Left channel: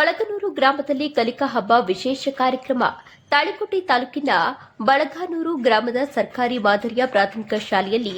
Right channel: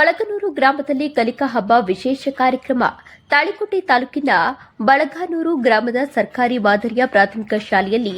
ಬಳಗನೂರು ಗ್ರಾಮದಲ್ಲಿ ಕಲಿಕಾ ಹಬ್ಬ ವಿಶೇಷ ಕಾರ್ಯಕ್ರಮ. ತಾಳಿಕೋಟೆ ತಾಲೂಕಿನ ಬಳಗಾನೂರು ಗ್ರಾಮದ ಸರ್ಕಾರಿ ಮಾದರಿಯ ಪ್ರಾಥಮಿಕ ಶಾಲೆಯಲ್ಲಿ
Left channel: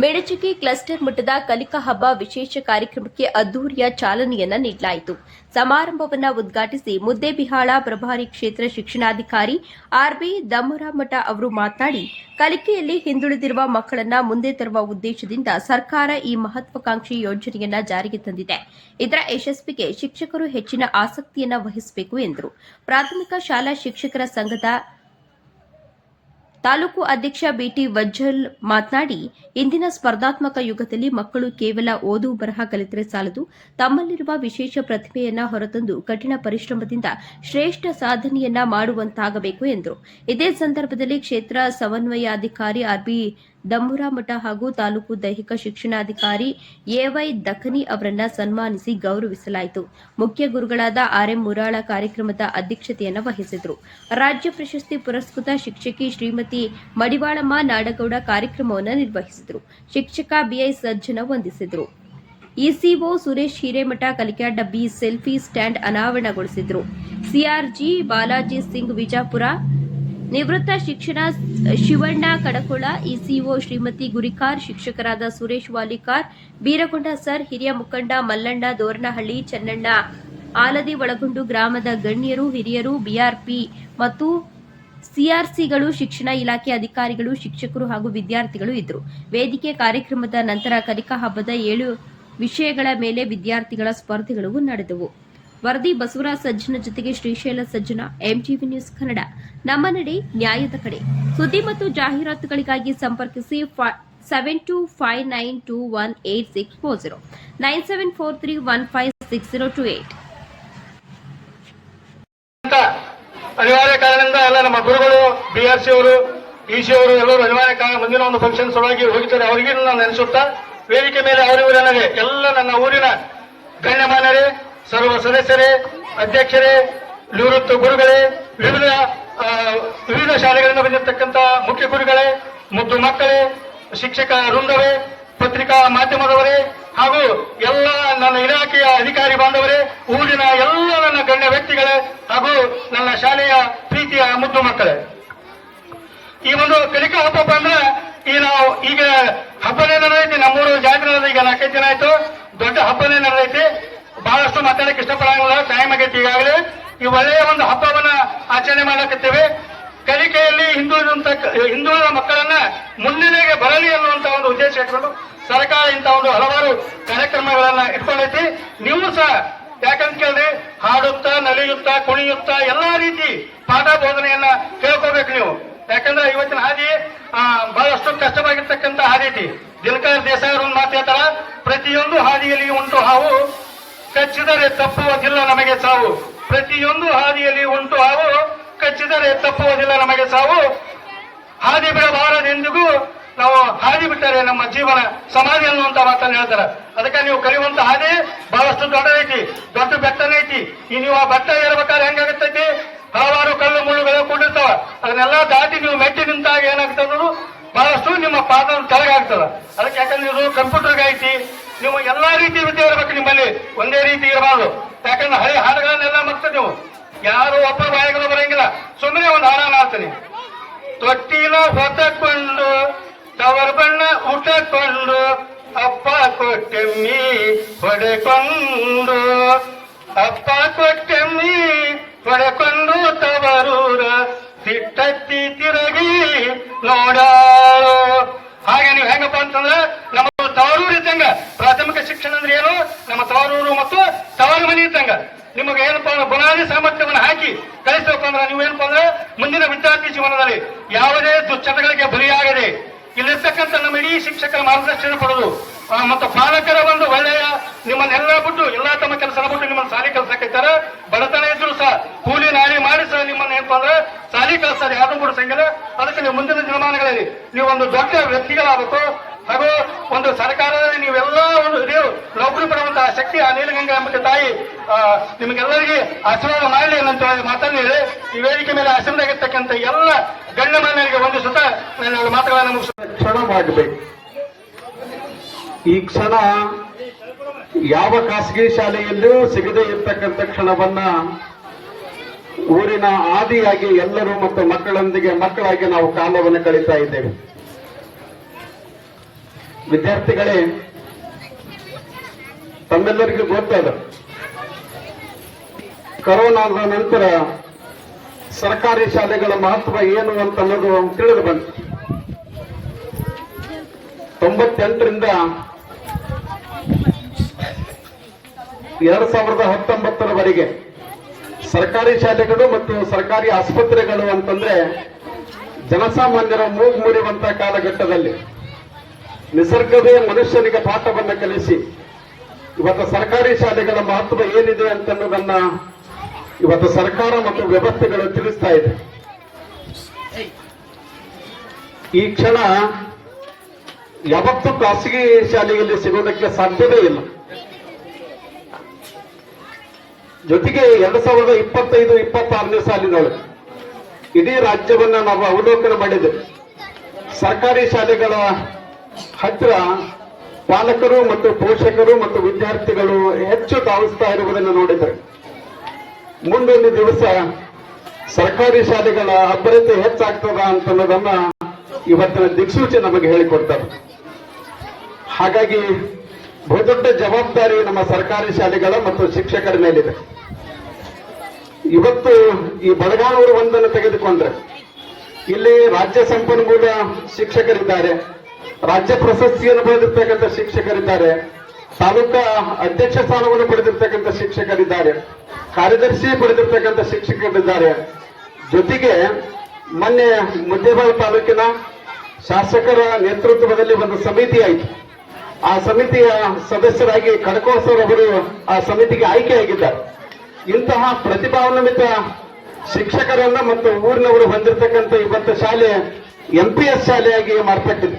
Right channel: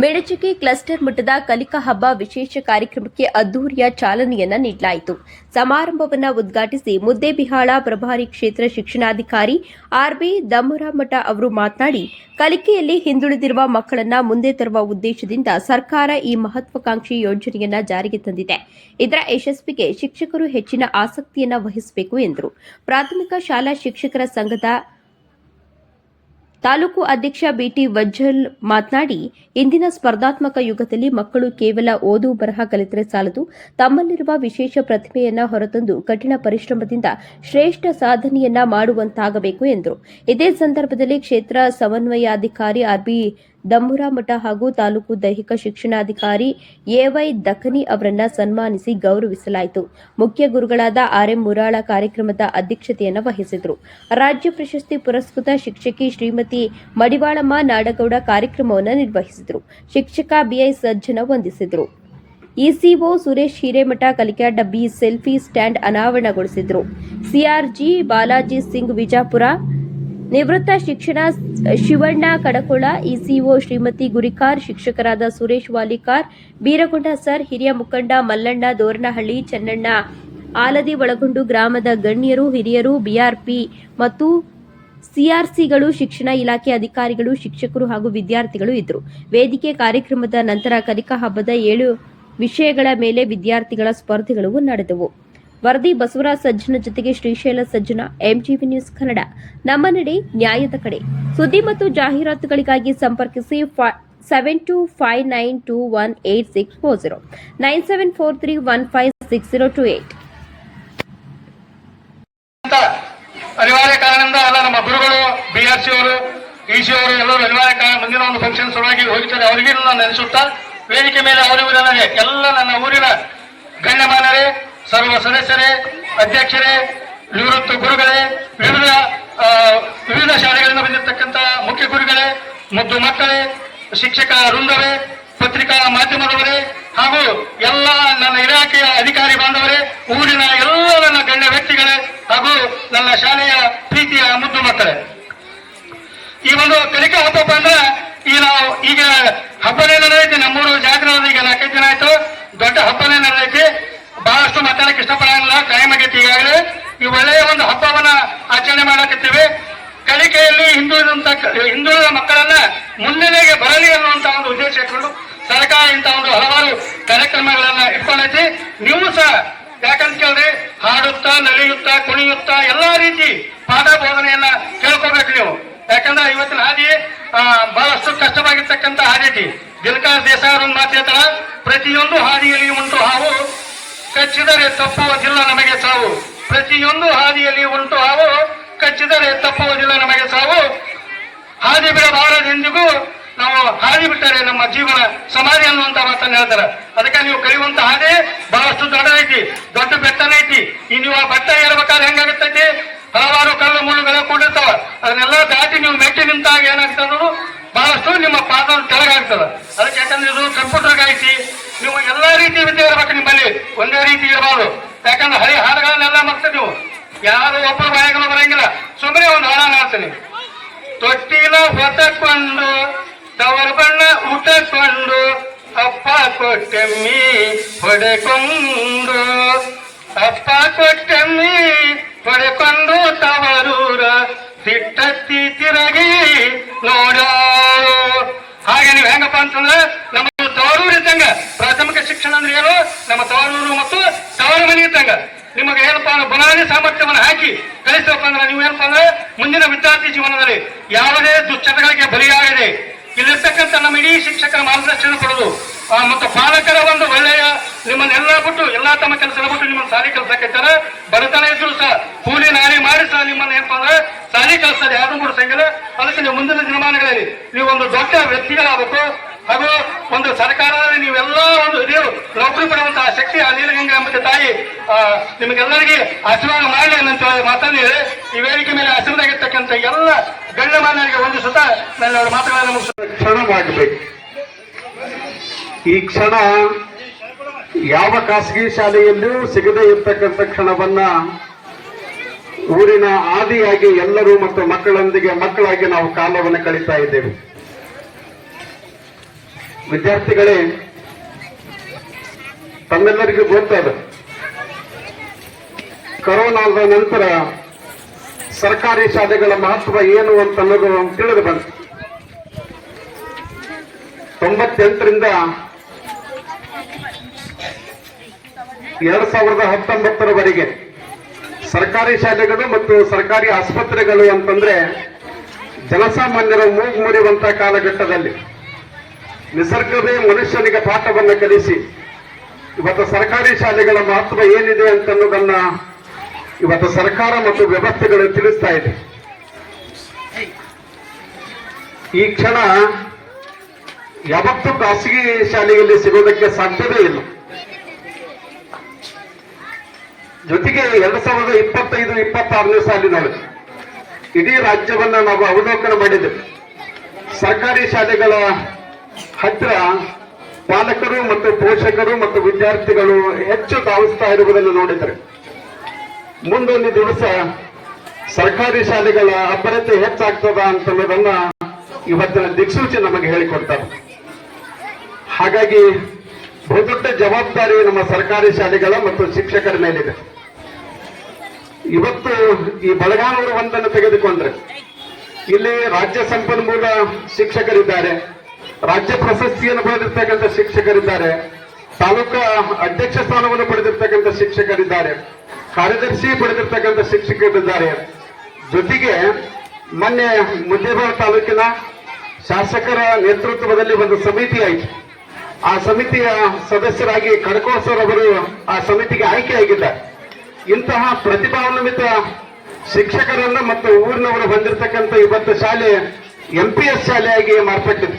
ಮೆಣಚಿಗೆ ಕ್ಲಸ್ಟರ್ ಮಟ್ಟದ ಕಲಿಕಾ ಹಬ್ಬ ವಿಶೇಷ ಕಾರ್ಯಕ್ರಮಕ್ಕೆ ಅದ್ದೂರಿಯ ಚಾಲನೆಯನ್ನ ನೀಡಲಾಯಿತು. ಸಮಾರಂಭವನ್ನು ಉದ್ಘಾಟಿಸಿ ಮುದ್ದೇಬಿಹಾಳ ಪ್ರಭಾರಿ ಕ್ಷೇತ್ರ ಶಿಕ್ಷಣಾಧಿಕಾರಿ ಆರ್ಬಿ ದಮ್ಮರಾಮಠ ಅವರು ಮಾತನಾಡಿ, ಕಲಿಕೆಯಲ್ಲಿ ಹಿಂದುಳಿದಿರುವ ಮಕ್ಕಳನ್ನ ಮುಂದೆ ತರುವ ಉದ್ದೇಶದಿಂದ ಸರ್ಕಾರ ಈ ಮಹತ್ವಾಕಾಂಕ್ಷಿ ಯೋಜನೆಯನ್ನ ಜಾರಿಗೆ ತಂದಿದೆ. ಇದರ ಯಶಸ್ವಿಗೆ ಶಿಕ್ಷಕರು ಹೆಚ್ಚಿನ ಆಸಕ್ತಿಯನ್ನ ವಹಿಸಬೇಕು ಎಂದರು. ಪ್ರಾಥಮಿಕ ಶಾಲಾ ಶಿಕ್ಷಕರ ಸಂಘದ ತಾಲೂಕು ಅಧ್ಯಕ್ಷ ಬಿಟಿ ವಜ್ಜಲ್ ಮಾತನಾಡಿ, ಇಂದಿನ ಸ್ಪರ್ಧಾತ್ಮಕ ಯುಗದಲ್ಲಿ ಮಕ್ಕಳು ಕೇವಲ ಓದು ಬರಹ ಕಲಿತರೆ ಸಾಲದು, ತಮ್ಮಲ್ಲಿರುವ ವಿಶೇಷ ಪ್ರತಿಭೆಯನ್ನ ಹೊರತಂದು ಕಠಿಣ ಪರಿಶ್ರಮದಿಂದ ಶ್ರೇಷ್ಠ ಸಾಧನೆಯನ್ನ ಮಾಡುವಂತಾಗಬೇಕು ಎಂದರು. ಇದೇ ಸಂದರ್ಭದಲ್ಲಿ ಕ್ಷೇತ್ರ ಸಮನ್ವಯಾಧಿಕಾರಿ ಆರ್ಬಿ ದಮ್ಮರಾಮಠ ಹಾಗೂ ತಾಲೂಕು ದೈಹಿಕ ಶಿಕ್ಷಣಾಧಿಕಾರಿ ಎವೈ ದಖನಿ ಅವರನ್ನ ಸನ್ಮಾನಿಸಿ ಗೌರವಿಸಲಾಯಿತು. ಮುಖ್ಯ ಗುರುಗಳಾದ ಆರ್ಎಂ ಮುರಾಳ ಕಾರ್ಯಕ್ರಮದ ಅಧ್ಯಕ್ಷತೆಯನ್ನು ವಹಿಸಿದರು. ರಾಜ್ಯ ಪ್ರಶಸ್ತಿ ಪುರಸ್ಕೃತ ಶಿಕ್ಷಕಿ ಶ್ರೀಮತಿ ಮಡಿವಾಳಮ್ಮ ನಾಡಗೌಡ ಕಾರ್ಯಕ್ರಮವನ್ನು ನಿರ್ವಹಿಸಿದರು. ಶಿಕ್ಷಕ ಬಿಐ ಸಜ್ಜನ ವಂದಿಸಿದರು. ಇಸಿಒ ಸುರೇಶ್ ಹಿರೇಮಠ ಕಲಿಕಾ ಡಬ್ಬಿ ಸೆಲ್ಫಿ ಸ್ಟ್ಯಾಂಡ್ ಅನಾವರಣಗೊಳಿಸಿದರು. ಸಿಆರ್ಜಿ ಬಾಲಾಜಿ ಸಿಂಗ್ ವಿಜಾಪುರ, ನಿವೃತ್ತ ಶಿಕ್ಷಣ ಶಿವಣ್ಣ ಕಡಕೊಳ, ಇಸಿಒ ಶ್ರೀಮತಿ ಗುರಿಕಾರ್, ಶಿಕ್ಷಕರಾದ ಸುರೇಶ್ ವಾಲಿಕಾರ್, ಬೀರಗೊಂಡ ಸರ್, ಹಿರಿಯ ಮುಖಂಡ ಮಲ್ಲಣ್ಣ ದೋರನಹಳ್ಳಿ, ಚೆನ್ನಣ್ಣ ಆಲದಿ ಒಳಗೊಂಡು ಗ್ರಾಮದ ಗಣ್ಯರು, ಹಿರಿಯರು, ಬಿಆರ್ಪಿ ಮತ್ತು ಸಿಆರ್ಸಿಗಳು, ಶಿಕ್ಷಣ ಇಲಾಖೆ ಅಧಿಕಾರಿಗಳು, ಶಿಕ್ಷಕರು ಹಾಗೂ ವಿದ್ಯಾರ್ಥಿಗಳು ಇದ್ದರು. ವೇದಿಕೆ ಕಾರ್ಯಕ್ರಮದ ನಂತರ ಕಲಿಕಾ ಹಬ್ಬದ 7 ವಿಷಯಗಳ ಮೇಲೆ ವಿದ್ಯಾರ್ಥಿಗಳ ಸ್ಪರ್ಧೆಗಳು ನಡೆದವು. ವರದಿ ಬಸವರಾಜ್ ಸಜ್ಜನ ಜೊತೆಗೆ ಶ್ರೀಶೈಲ ಸಜ್ಜನ, ಎಂಜಿವಿ ನ್ಯೂಸ್ ಕನ್ನಡ. ನಮ್ಮ ನಡೆ ನ್ಯಾಯದ ಕಡೆ. ಸುದ್ದಿ ಮತ್ತು ಜಾಹೀರಾತುಗಳಿಗಾಗಿ ಸಂಪರ್ಕಿಸಿ 7259218640 9743156028. ಅನಿವಾರ್ಯ ಕಾರಣದಿಂದ ಎಲ್ಲ ನಮ್ಮ ಗುರುಗಳು ಬಿಆರ್ಸಿ ಅವರು, ಇಸಿ ಅವರು ಎಲ್ಲರೂ ಅನಿವಾರ್ಯ ಕಾರಣ ಮುಂದಿನ ಒಂದು ಫಂಕ್ಷನ್ ಸಲುವಾಗಿ ಹೋಗಿದ್ದಾರೆ. ಅವರಿಗೆ ನಾನು ನೆನೆಸುತ್ತಾ, ವೇದಿಕೆ ಮೇಲೆ ಅವರಿವರಲ್ಲದೆ ಎಲ್ಲ ನನ್ನ ಊರಿನ ಗಣ್ಯಮಾನರೇ, ಸರ್ವ ಸದಸ್ಯರೇ, ಅಧ್ಯಕ್ಷರೇ, ನಿವೃತ್ತ ಗುರುಗಳೇ, ವಿವಿಧ ಶಾಲೆಗಳಿಂದ ಬಂದಿರತಕ್ಕಂಥ ಮುಖ್ಯ ಗುರುಗಳೇ, ಮುದ್ದು ಮಕ್ಕಳೇ, ಶಿಕ್ಷಕ ವೃಂದವೇ, ಪತ್ರಿಕಾ ಮಾಧ್ಯಮದವರೇ ಹಾಗೂ ಎಲ್ಲ ನನ್ನ ಇಲಾಖೆಯ ಅಧಿಕಾರಿ ಬಾಂಧವರೇ, ಊರಿನ ಎಲ್ಲ ನನ್ನ ಗಣ್ಯ ವ್ಯಕ್ತಿಗಳೇ ಹಾಗೂ ನನ್ನ ಶಾಲೆಯ ಪ್ರೀತಿಯ ಮುದ್ದು ಮಕ್ಕಳೇ, ಈ ಒಂದು ಕಲಿಕಾ ಹಬ್ಬ ಅಂದ್ರೆ ಈಗ ಹಬ್ಬನೇ ನಡೆದೈತಿ. ನಮ್ಮೂರು ಜಾತ್ರೆ ಈಗ 4-5 ದಿನ ಆಯ್ತು. ದೊಡ್ಡ ಹಬ್ಬನೇ ನಡೆದೈತಿ. ಬಹಳಷ್ಟು ಮಾತಾಡಕ್ಕೆ ಇಷ್ಟಪಡಂಗಿಲ್ಲ, ಟೈಮ್ ಆಗೈತಿ. ಈಗಾಗಲೇ ಈ ಒಳ್ಳೆಯ ಒಂದು ಹಬ್ಬವನ್ನ ಆಚರಣೆ ಮಾಡಕತ್ತೇವೆ. ಕಲಿಕೆಯಲ್ಲಿ ಹಿಂದುಳಿದ ಮಕ್ಕಳನ್ನ ಮುನ್ನೆಲೆಗೆ ಬರಲಿ ಅನ್ನುವಂತ ಒಂದು ಉದ್ದೇಶ ಇಟ್ಕೊಂಡು ಸರ್ಕಾರ ಇಂಥ ಒಂದು ಹಲವಾರು ಕಾರ್ಯಕ್ರಮಗಳನ್ನ ಇಟ್ಕೊಂಡೈತಿ. ನೀವು ಸಹ ಯಾಕಂತ ಕೇಳ್ರಿ, ಹಾಡುತ್ತಾ, ನಲಿಯುತ್ತಾ, ಕುಣಿಯುತ್ತಾ ಎಲ್ಲಾ ರೀತಿ ಪಾಠ ಬೋಧನೆಯನ್ನ ಕೇಳ್ಕೋಬೇಕು ನೀವು. ಯಾಕಂದ್ರೆ ಇವತ್ತಿನ ಹಾದಿ ಬಹಳಷ್ಟು ಕಷ್ಟವಾಗಿರ್ತಕ್ಕಂಥ ಹಾದಿ ಐತಿ. ದಿನಕರ್ ದೇಸಾಯಿ ಅವರು ಮಾತು ಹೇಳ್ತಾರ, ಪ್ರತಿಯೊಂದು ಹಾದಿಯಲ್ಲಿ ಉಂಟು ಹಾವು, ಕಚ್ಚಿದರೆ ತಪ್ಪುವುದಿಲ್ಲ ನಮಗೆ ಸಾವು. ಪ್ರತಿಯೊಂದು ಹಾದಿಯಲ್ಲಿ ಉಂಟು ಹಾವು, ಕಚ್ಚಿದರೆ ತಪ್ಪುವುದಿಲ್ಲ ನಮಗೆ ಸಾವು. ಹಾದಿ ಬಿಡಬಾರದೆಂದಿಗೂ ನಾವು ಹಾದಿ ಬಿಟ್ಟರೆ ನಮ್ಮ ಜೀವನ ಸಮಾಧಿ ಅನ್ನುವಂತ ಮಾತನ್ನು ಹೇಳ್ತಾರೆ. ಅದಕ್ಕೆ ನೀವು ಕಲಿಯುವಂತ ಹಾದಿ ಬಹಳಷ್ಟು ದೊಡ್ಡದೈತಿ, ದೊಡ್ಡ ಬೆಟ್ಟನೈತಿ. ಈ ನೀವು ಆ ಬೆಟ್ಟ ಏರ್ಬೇಕಾದ್ರೆ ಹೆಂಗಾಗತ್ತೈತಿ, ಹಲವಾರು ಕಲ್ಲು ಮುಳ್ಳುಗಳು ಕೂಡಿರ್ತಾವ. ಅದನ್ನೆಲ್ಲ ದಾಟಿ ನೀವು ಮೆಟ್ಟಿ ನಿಂತಾಗ ಏನಾಗ್ತದ, ಬಹಳಷ್ಟು ನಿಮ್ಮ ಪಾದ ಕೆಳಗಾಗ್ತದ. ಅದಕ್ಕೆ ಯಾಕಂದ್ರೆ ಇದು ಕಂಪ್ಯೂಟರ್ ಐತಿ. ನೀವು ಎಲ್ಲಾ ರೀತಿ ವಿದ್ಯೆ ಇರಬೇಕು ನಿಮ್ಮಲ್ಲಿ, ಒಂದೇ ರೀತಿ ಇರಬಾರ್ದು. ಯಾಕಂದ್ರೆ ಹಳಿ ಹಾಡುಗಳನ್ನೆಲ್ಲ ಮಕ್ತದೆ ನೀವು, ಯಾರು ಒಬ್ಬ ಬಾಯಿಗಳು ಬರಂಗಿಲ್ಲ. ಸುಮ್ಮನೆ ಒಂದು ಹಾಡನ್ನ ಹಾಡ್ತೀನಿ. ತೊಟ್ಟಿನ ಹೊತ್ತಕೊಂಡು ತವರ ಬಣ್ಣ ಉಟ್ಟಕೊಂಡು ಅಪ್ಪ ಕೊಟ್ಟಮ್ಮಿ ಹೊಡೆಕೊಂಡು, ಅಪ್ಪ ಕೊಟ್ಟಮ್ಮಿ ಹೊಡೆಕೊಂಡು ತವರೂರ ಸಿಟ್ಟತ್ತಿ ತಿರುಗಿ ನೋಡಾಳು. ಹಾಗೆ ನೀವು ಹೆಂಗಪ್ಪ ಅಂತಂದ್ರೆ, ನಮ್ಮ ತವರೂರು ಇದ್ದಂಗ ಪ್ರಾಥಮಿಕ ಶಿಕ್ಷಣ ಅಂದ್ರೆ ಏನು, ನಮ್ಮ ತವರೂರು ಮತ್ತು ತವರು ಮನೆ ಇದ್ದಂಗ. ನಿಮಗೆ ಏನಪ್ಪಾ ಬುನಾದಿ ಸಾಮರ್ಥ್ಯವನ್ನು ಹಾಕಿ ಕಲಿಸಬೇಕಪ್ಪ ಅಂದ್ರೆ ನೀವು ಏನಪ್ಪಾ ಅಂದ್ರೆ ಮುಂದಿನ ವಿದ್ಯಾರ್ಥಿ ಜೀವನದಲ್ಲಿ ಯಾವುದೇ ದುಶ್ಚಟಗಳಿಗೆ ಬಲಿಯಾಗದೆ ಇಲ್ಲಿರ್ತಕ್ಕಂಥ ನಮ್ಮ ಇಡೀ ಶಿಕ್ಷಕರ ಮಾರ್ಗದರ್ಶನ ಕೊಡೋದು ಮತ್ತು ಪಾಲಕರ ಒಂದು ಒಳ್ಳೆಯ ನಿಮ್ಮನ್ನೆಲ್ಲ ಬಿಟ್ಟು ಎಲ್ಲಾ ತಮ್ಮ ಕೆಲಸ ಬಿಟ್ಟು ನಿಮ್ಮನ್ನು ಸಾಲಿ ಕಲ್ಸಕ್ಕಿದ್ದಾರೆ. ಬಡತನ ಇದ್ರು ಸಹ ಕೂಲಿ ನಾಲಿ ಮಾಡಿ ಸಹ ನಿಮ್ಮನ್ನ ಏನಪ್ಪಾ ಅಂದ್ರೆ ಸಾಲಿ ಕಲ್ಸೋದು ಯಾರು ಬಿಡಿಸಂಗಿಲ್ಲ. ಅದಕ್ಕೆ ನೀವು ಮುಂದಿನ ದಿನಮಾನಗಳಲ್ಲಿ ನೀವು ಒಂದು ದೊಡ್ಡ ವ್ಯಕ್ತಿಗಳಾಗಬೇಕು. ಹಾಗೂ ಒಂದು ಸರ್ಕಾರದಲ್ಲಿ ನೀವೆಲ್ಲ ಒಂದು ಇದೇ ನೌಕರಿ ಪಡುವಂತಹ ಶಕ್ತಿ ಆ ನೀಲಗಂಗಾ ಮತ್ತೆ ತಾಯಿ ನಿಮಗೆಲ್ಲರಿಗೆ ಆಶೀರ್ವಾದ ಮಾಡಿ ಅನ್ನಂತ ಮಾತನ್ನು ಈ ವೇದಿಕೆ ಮೇಲೆ ಆಶೀರ್ವಾದಾಗಿರ್ತಕ್ಕಂಥ ಎಲ್ಲ ಗಣ್ಯಮಾನ್ಯರಿಗೆ ವಂದಿಸುತ್ತಾ ನನ್ನ ಮಾತುಗಳನ್ನು ಕ್ಷಣ ಮಾಡಬೇಕು. ಈ ಕ್ಷಣ ಯಾವ ಖಾಸಗಿ ಶಾಲೆಯಲ್ಲೂ ಸಿಗದೇ ಇರ್ತಕ್ಕಂಥ ಕ್ಷಣವನ್ನ ಊರಿನ ಆದಿಯಾಗಿ ಎಲ್ಲರೂ ಮತ್ತು ಮಕ್ಕಳೊಂದಿಗೆ ಮಕ್ಕಳಾಗಿ ನಾವು ಕಾಲವನ್ನು ಕಳೀತಾ ಇದ್ದೇವೆ. ವಿದ್ಯಾರ್ಥಿಗಳೇ, ತಮ್ಮೆಲ್ಲರಿಗೂ ಗೊತ್ತದ, ಕೊರೋನಾದ ನಂತರ ಸರ್ಕಾರಿ ಶಾಲೆಗಳ ಮಹತ್ವ ಏನು ಅಂತ ಅನ್ನೋದು ತಿಳಿದು ಬಂತು. 98ರಿಂದ 2019ರವರೆಗೆ ಸರ್ಕಾರಿ ಶಾಲೆಗಳು ಮತ್ತು ಸರ್ಕಾರಿ ಆಸ್ಪತ್ರೆಗಳು ಅಂತಂದ್ರೆ ಜನಸಾಮಾನ್ಯರ ಮೂಗು ಮುರಿಯುವಂತಹ ಕಾಲಘಟ್ಟದಲ್ಲಿ ನಿಸರ್ಗವೇ ಮನುಷ್ಯನಿಗೆ ಪಾಠವನ್ನು ಕಲಿಸಿ ಇವತ್ತು ಸರ್ಕಾರಿ ಶಾಲೆಗಳ ಮಹತ್ವ ಏನಿದೆ ಅಂತನ್ನೋದನ್ನ ಇವತ್ತು ಸರ್ಕಾರ ಮತ್ತು ವ್ಯವಸ್ಥೆಗಳು ತಿಳಿಸ್ತಾ ಇದೆ. ಈ ಕ್ಷಣ ಯಾವತ್ತೂ ಖಾಸಗಿ ಶಾಲೆಯಲ್ಲಿ ಸಿಗೋದಕ್ಕೆ ಸಾಧ್ಯವೇ ಇಲ್ಲ. ಜೊತೆಗೆ 2025-26ನೇ ಸಾಲಿನೊಳಗೆ ಇಡೀ ರಾಜ್ಯವನ್ನ ನಾವು ಅವಲೋಕನ ಮಾಡಿದ್ದೆವು. ಸರ್ಕಾರಿ ಶಾಲೆಗಳ ಹತ್ತಿರ ಪಾಲಕರು ಮತ್ತು ಪೋಷಕರು ಮತ್ತು ವಿದ್ಯಾರ್ಥಿಗಳು ಹೆಚ್ಚು ಧಾವಿಸ್ತಾ ಇರುವುದನ್ನು ನೋಡಿದರೆ ಮುಂದೊಂದು ದಿವಸ ಸರ್ಕಾರಿ ಶಾಲೆಗಳ ಅಭ್ಯರ್ಥಿ ಹೆಚ್ಚಾಗ್ತದ ಅಂತನ್ನೋದನ್ನ ಇವತ್ತಿನ ದಿಕ್ಸೂಚಿ ನಮಗೆ ಹೇಳಿಕೊಡ್ತಾರೆ. ಹಾಗಾಗಿ ಬಹುದೊಡ್ಡ ಜವಾಬ್ದಾರಿ ನಮ್ಮ ಸರ್ಕಾರಿ ಶಾಲೆಗಳ ಮತ್ತು ಶಿಕ್ಷಕರ ಮೇಲಿದೆ. ಇವತ್ತು ಈ ಬೆಳಗಾನೂರು ಒಂದನ್ನು ತೆಗೆದುಕೊಂಡ್ರೆ ಇಲ್ಲಿ ರಾಜ್ಯ ಸಂಪನ್ಮೂಲ ಶಿಕ್ಷಕರಿದ್ದಾರೆ, ರಾಜ್ಯ ಪ್ರಶಸ್ತಿಯನ್ನು ಪಡೆದಿರ್ತಕ್ಕಂಥ ಶಿಕ್ಷಕರಿದ್ದಾರೆ, ತಾಲೂಕಾ ಅಧ್ಯಕ್ಷ ಸ್ಥಾನವನ್ನು ಪಡೆದಿರ್ತಕ್ಕಂಥ ಶಿಕ್ಷಕರಿದ್ದಾರೆ, ಕಾರ್ಯದರ್ಶಿ ಪಡೆದಿರ್ತಕ್ಕಂಥ ಶಿಕ್ಷಕರಿದ್ದಾರೆ. ಜೊತೆಗೆ ಮೊನ್ನೆ ಮುದ್ದೇಬಿಹಾಳ ತಾಲೂಕಿನ ಶಾಸಕರ ನೇತೃತ್ವದಲ್ಲಿ ಒಂದು ಸಮಿತಿ ಆಯಿತು. ಆ ಸಮಿತಿಯ ಸದಸ್ಯರಾಗಿ ಖಡ್ಕೋಳ್ ಸರ್ ಅವರು ಆ ಸಮಿತಿಗೆ ಆಯ್ಕೆಯಾಗಿದ್ದಾರೆ. ಇಂತಹ ಪ್ರತಿಭಾನ್ವಿತ ಶಿಕ್ಷಕರನ್ನ ಮತ್ತು ಊರಿನವರು ಹೊಂದಿರತಕ್ಕಂಥ ಇವತ್ತು ಶಾಲೆ MPS ಶಾಲೆಯಾಗಿ ಮಾರ್ಪಟ್ಟಿದೆ.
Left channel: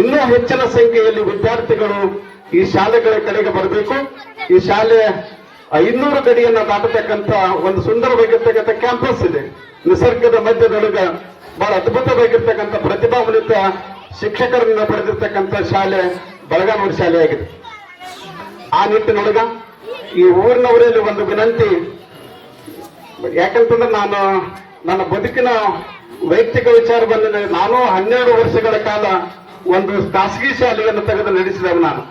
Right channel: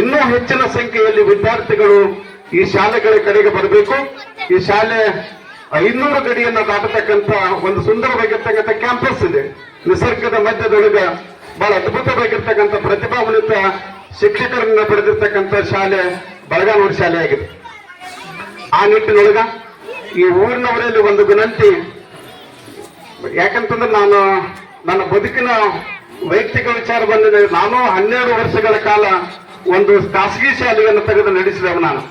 ಇನ್ನೂ ಹೆಚ್ಚಿನ ಸಂಖ್ಯೆಯಲ್ಲಿ ವಿದ್ಯಾರ್ಥಿಗಳು ಈ ಶಾಲೆಗಳ ಕಡೆಗೆ ಬರಬೇಕು. ಈ ಶಾಲೆ 500 ಗಡಿಯನ್ನ ದಾಟತಕ್ಕಂಥ ಒಂದು ಸುಂದರವಾಗಿರ್ತಕ್ಕಂಥ ಕ್ಯಾಂಪಸ್ ಇದೆ. ನಿಸರ್ಗದ ಮಧ್ಯದೊಳಗೆ ಬಹಳ ಅದ್ಭುತವಾಗಿರ್ತಕ್ಕಂಥ ಪ್ರತಿಭಾನ್ವಿತ ಶಿಕ್ಷಕರನ್ನ ಪಡೆದಿರ್ತಕ್ಕಂಥ ಶಾಲೆ ಬೆಳಗಾನೂರು ಶಾಲೆಯಾಗಿದೆ. ಆ ನಿಟ್ಟಿನೊಳಗ ಈ ಊರಿನವರಲ್ಲಿ ಒಂದು ವಿನಂತಿ, ಯಾಕಂತಂದ್ರೆ ನಾನು ನನ್ನ ಬದುಕಿನ ವೈಯಕ್ತಿಕ ವಿಚಾರ ಬಂದಿದೆ. ನಾನು 12 ವರ್ಷಗಳ ಕಾಲ ಒಂದು ಖಾಸಗಿ ಶಾಲೆಯನ್ನು ತೆಗೆದು ನಡೆಸಿದವ. ನಾನು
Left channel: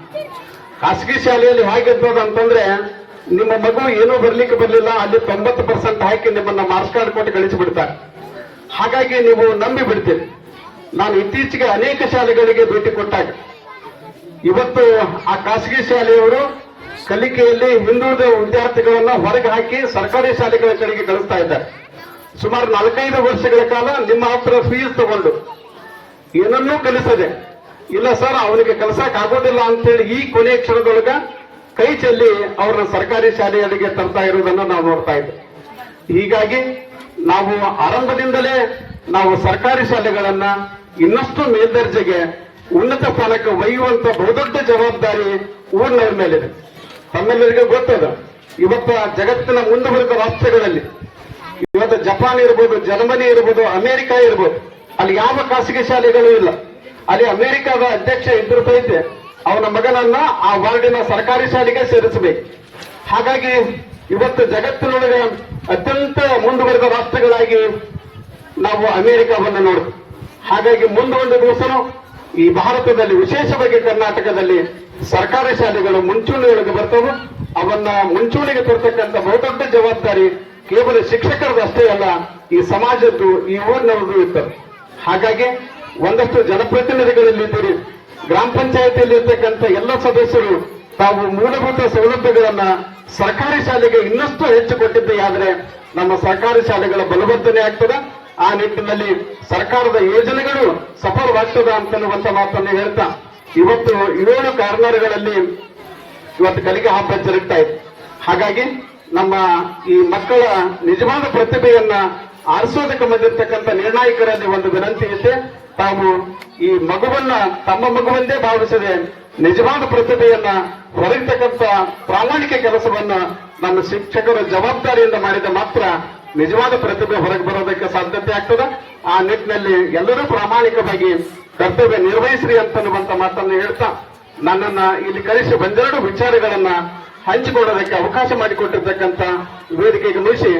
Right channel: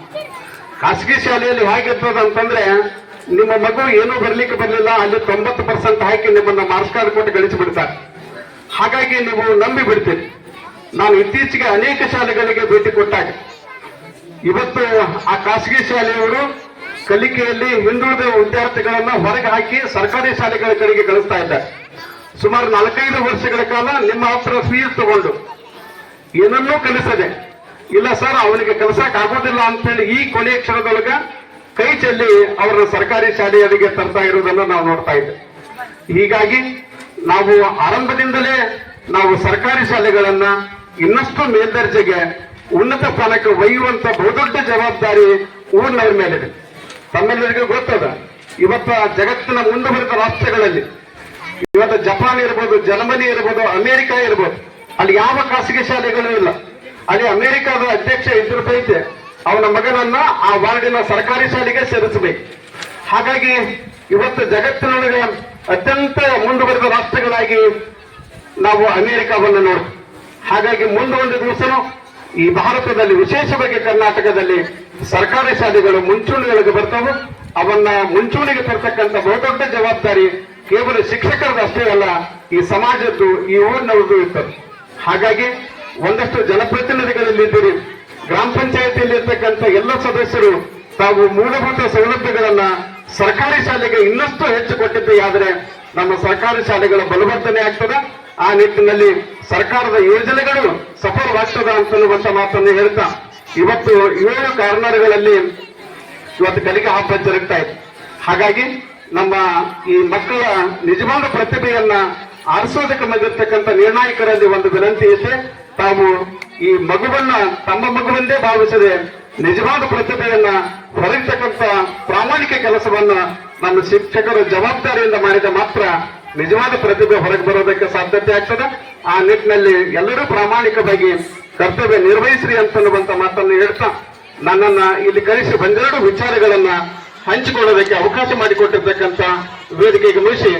ಖಾಸಗಿ ಶಾಲೆಯಲ್ಲಿ ಹೇಗಿರ್ತದ ಅಂತಂದ್ರೆ, ನಿಮ್ಮ ಮಗು ಏನೂ ಬರ್ಲಿಕ್ಕೆ ಬರಲಿಲ್ಲ, ಅಲ್ಲಿ 90% ಹಾಕಿ ನಿಮ್ಮನ್ನ ಮಾರ್ಕ್ಸ್ ಕಾರ್ಡ್ ಕೊಟ್ಟು ಗಳಿಸಿಬಿಡ್ತಾರೆ. ಹಾಗಾಗಿ ನೀವು ನಂಬಿ ಬಿಡ್ತೀರಿ. ನಾನು ಇತ್ತೀಚೆಗೆ ಅನೇಕ ಶಾಲೆಗಳಿಗೆ ಭೇಟಿ ಕೊಟ್ಟಾಗ ಇವತ್ತು ಆ ಖಾಸಗಿ ಶಾಲೆಯವರು ಕಲಿಕೆಯಲ್ಲಿ ಹಿಂದುಳಿದ ವಿದ್ಯಾರ್ಥಿಗಳನ್ನ ಹೊರಗೆ ಹಾಕಿ ಸರ್ಕಾರಿ ಶಾಲೆಗಳ ಕಡೆಗೆ ಕಳಿಸ್ತಾ ಇದ್ದಾರೆ. ಸುಮಾರು 4-5 ವರ್ಷಗಳ ಕಾಲ ನಿಮ್ಮ ಹತ್ರ ಫೀಸ್ ತಗೊಂಡು ಏನನ್ನೂ ಕಲಿಸದೆ, ಇಲ್ಲ ಸರ್ ಅವನಿಗೆ ಕಲಿಸಕ್ ಆಗೋದಿಲ್ಲ ಅಂತೇಳಿ ಈ ಕೊನೆಯ ಕ್ಷಣದೊಳಗ ಕೈ ಚೆಲ್ಲಿ ಅವರನ್ನ ಸರ್ಕಾರಿ ಶಾಲೆಯಲ್ಲಿಗೆ ತರ್ತಾ ಇರುವುದನ್ನು ನಾವು ನೋಡ್ತಾ ಇದ್ದೇವೆ. ಹೀಗಾಗಿ ನಾವು ಆರಂಭದಿಂದಲೇ ನಾವು ಸರ್ಕಾರಿ ಶಾಲೆಗಳನ್ನ ಇನ್ನಷ್ಟು ಮೇಲ್ದರ್ಜೆಗೆ ಉನ್ನತ ಸ್ಥಾನಕ್ಕೆ ಒಯ್ಯುವಂತ ಬಹುದೊಡ್ಡ ಜವಾಬ್ದಾರಿ ಊರಿನವರ ಮೇಲಿದೆ. ತಮ್ಮೆಲ್ಲರಿಗೂ ಗೊತ್ತದ, ಇವತ್ತು ಜಗತ್ತಿನ ಮುಂದುವರಿದ ರಾಷ್ಟ್ರಗಳಲ್ಲಿ ಇವತ್ತು ಜಪಾನ್ ಇರ್ಬೋದು, ಜರ್ಮನಿ ಇರ್ಬೋದು, ಅಮೆರಿಕ ಇರ್ಬೋದು, ಅಲ್ಲಿ ಯಾವ ಖಾಸಗಿ ಶಾಲೆಗಳು ಇಲ್ಲ. ಅಲ್ಲಿ ಅಮೆರಿಕದ ಅಧ್ಯಕ್ಷ ಇದ್ರು ಸಹಿತ ಅವನ ಮಗನನ್ನ ಆ ವಾರ್ಡಿನ ಸರ್ಕಾರಿ ಶಾಲೆಗೆ ಸೇರಿಸಬೇಕು. ಹಾಗಾಗಿ ಇವತ್ತು ಜಗತ್ತಿನೊಳಗೆ ಅತ್ಯಂತ ಮುಂದುವರೆದ ರಾಷ್ಟ್ರಗಳಾಗಿ ನಾವು ಅಮೆರಿಕವನ್ನು ನೋಡ್ತೀವಿ. ಹಾಗಾಗಿ ಮುಂದೊಂದು ದಿವಸನೂ ಈ ಭಾರತದಲ್ಲಿ, ವಿಶೇಷವಾಗಿ ಕರ್ನಾಟಕದಲ್ಲಿ ಸರ್ಕಾರಿ ಶಾಲೆಗಳು ಮುಂಚೂಣಿಯೊಳಗೆ ಬರ್ತವೆ. ಅವನ್ನ ಮುಂಚೂಣಿಗೆ ತರ್ತಕ್ಕಂಥ ಬಹುದೊಡ್ಡ ಜವಾಬ್ದಾರಿ ಕೇವಲ ಶಿಕ್ಷಕರದಷ್ಟೇ ಅಲ್ಲ, ಈ ಸಮಾಜದ್ದು, ಈ ಊರಿನವ್ರದ್ದು ಇರ್ತದೆ. ಹಾಗಾಗಿ ಒಂದಷ್ಟು ಜನಪ್ರತಿನಿಧಿಗಳಲ್ಲಿದ್ದೀರಿ, ಗ್ರಾಮ ಪಂಚಾಯತಿಯಲ್ಲಿ ಇರ್ತಕ್ಕಂಥ ಎಲ್ಲ ಸದಸ್ಯರು ತಾವು ಮೂಲಭೂತ ಸೌಲಭ್ಯಗಳನ್ನ ಸರ್ಕಾರಿ ಶಾಲೆಗೆ ಇನ್ನಷ್ಟು ಹೆಚ್ಚು ಕೊಟ್ಟಿದ್ದೇ ಆದರೆ ನಮ್ಮ ಸರ್ಕಾರಿ ಶಾಲೆಗಳ ಬಲವರ್ಧನೆ ಆಗ್ತದ. ಆ ನಿಟ್ಟಿನಲ್ಲಿ ಸರ್ಕಾರದ ಯೋಜನೆಗಳು ಸಫಲವಾಗ್ತದ ಅಂತನ್ನುವಂತ ಮಾತನ್ನು ಹೇಳ್ತಾ, ಇವತ್ತು 7 ಕಾರ್ನರ್ಗಳಲ್ಲಿ ಇವತ್ತು ಕಲಿಕಾ ಹಬ್ಬ ಜರುಗ್ತಾ ಇದೆ. ಹಾಗಾಗಿ ನಮ್ಮ ಈ ಮಕ್ಕಳ ನಿಜವಾದ ಪ್ರತಿಭೆಯನ್ನ ಆರಿಸೋದಕ್ಕೆ ಬಂದಿರತಕ್ಕಂಥ ನಿರ್ಣಾಯಕರಲ್ಲಿ ಒಂದು ವಿನಂತಿ ಇದೆ. ತಾವು ಈ ಮಗುವನ್ನ ತಮ್ಮ ಮಗುವೆಂದೇ ಭಾವಿಸದೆ ನಿಜವಾದ ಪ್ರತಿಭೆಯನ್ನ ಹೊರತಕ್ಕಂಥ ಪ್ರಾಮಾಣಿಕ ಕೆಲಸವನ್ನ ನಮ್ಮ ಶಿಕ್ಷಕರ ಜವಾಬ್ದಾರಿಯಿಂದ ಮಾಡಿದ ಮಾತ್ರ ನಿಜವಾದ ಪ್ರತಿಭೆ ಹೊರಗೆ ಬರೋದಕ್ಕೆ ಸಾಧ್ಯತೆ ಆಗ್ತದೆ. ಆ ನಿಟ್ಟಿನಲ್ಲಿ ಎಲ್ಲರೂ ಪ್ರಾಮಾಣಿಕವಾಗಿ ಕರ್ತವ್ಯ ನಿರ್ವಹಿಸ್ರಿ ಅಂತನ್ನುವಂತ ಮಾತನ್ನು ಹೇಳ್ತಾ, ನನ್ನನ್ನ ಇಲ್ಲಿ ಕರೆಸಿ ಒಂದೆರಡು ವಿಚಾರಗಳನ್ನ ಹಂಚಿಕೊಳ್ಳೋದಕ್ಕೆ ಅವಕಾಶ ಮಾಡಿಕೊಟ್ಟಿರ್ತಕ್ಕಂಥ ವೇದಿಕೆಗೆ ಮುಗಿಸಿ